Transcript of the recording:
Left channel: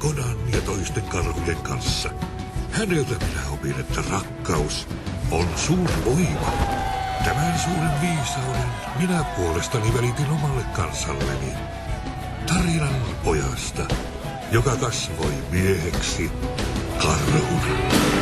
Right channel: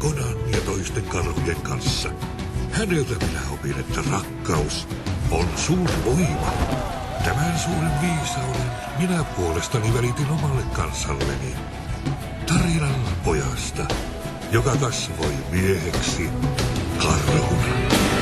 Kodan ja toisten karhujen kanssa. Häneltä minä opin, että rakkaus on suuri voima. Tämän suuren viisauden minä puolestani välitin omalle kansalleni. Tarinan pojasta, joka kasvoi mieheksi karhuna.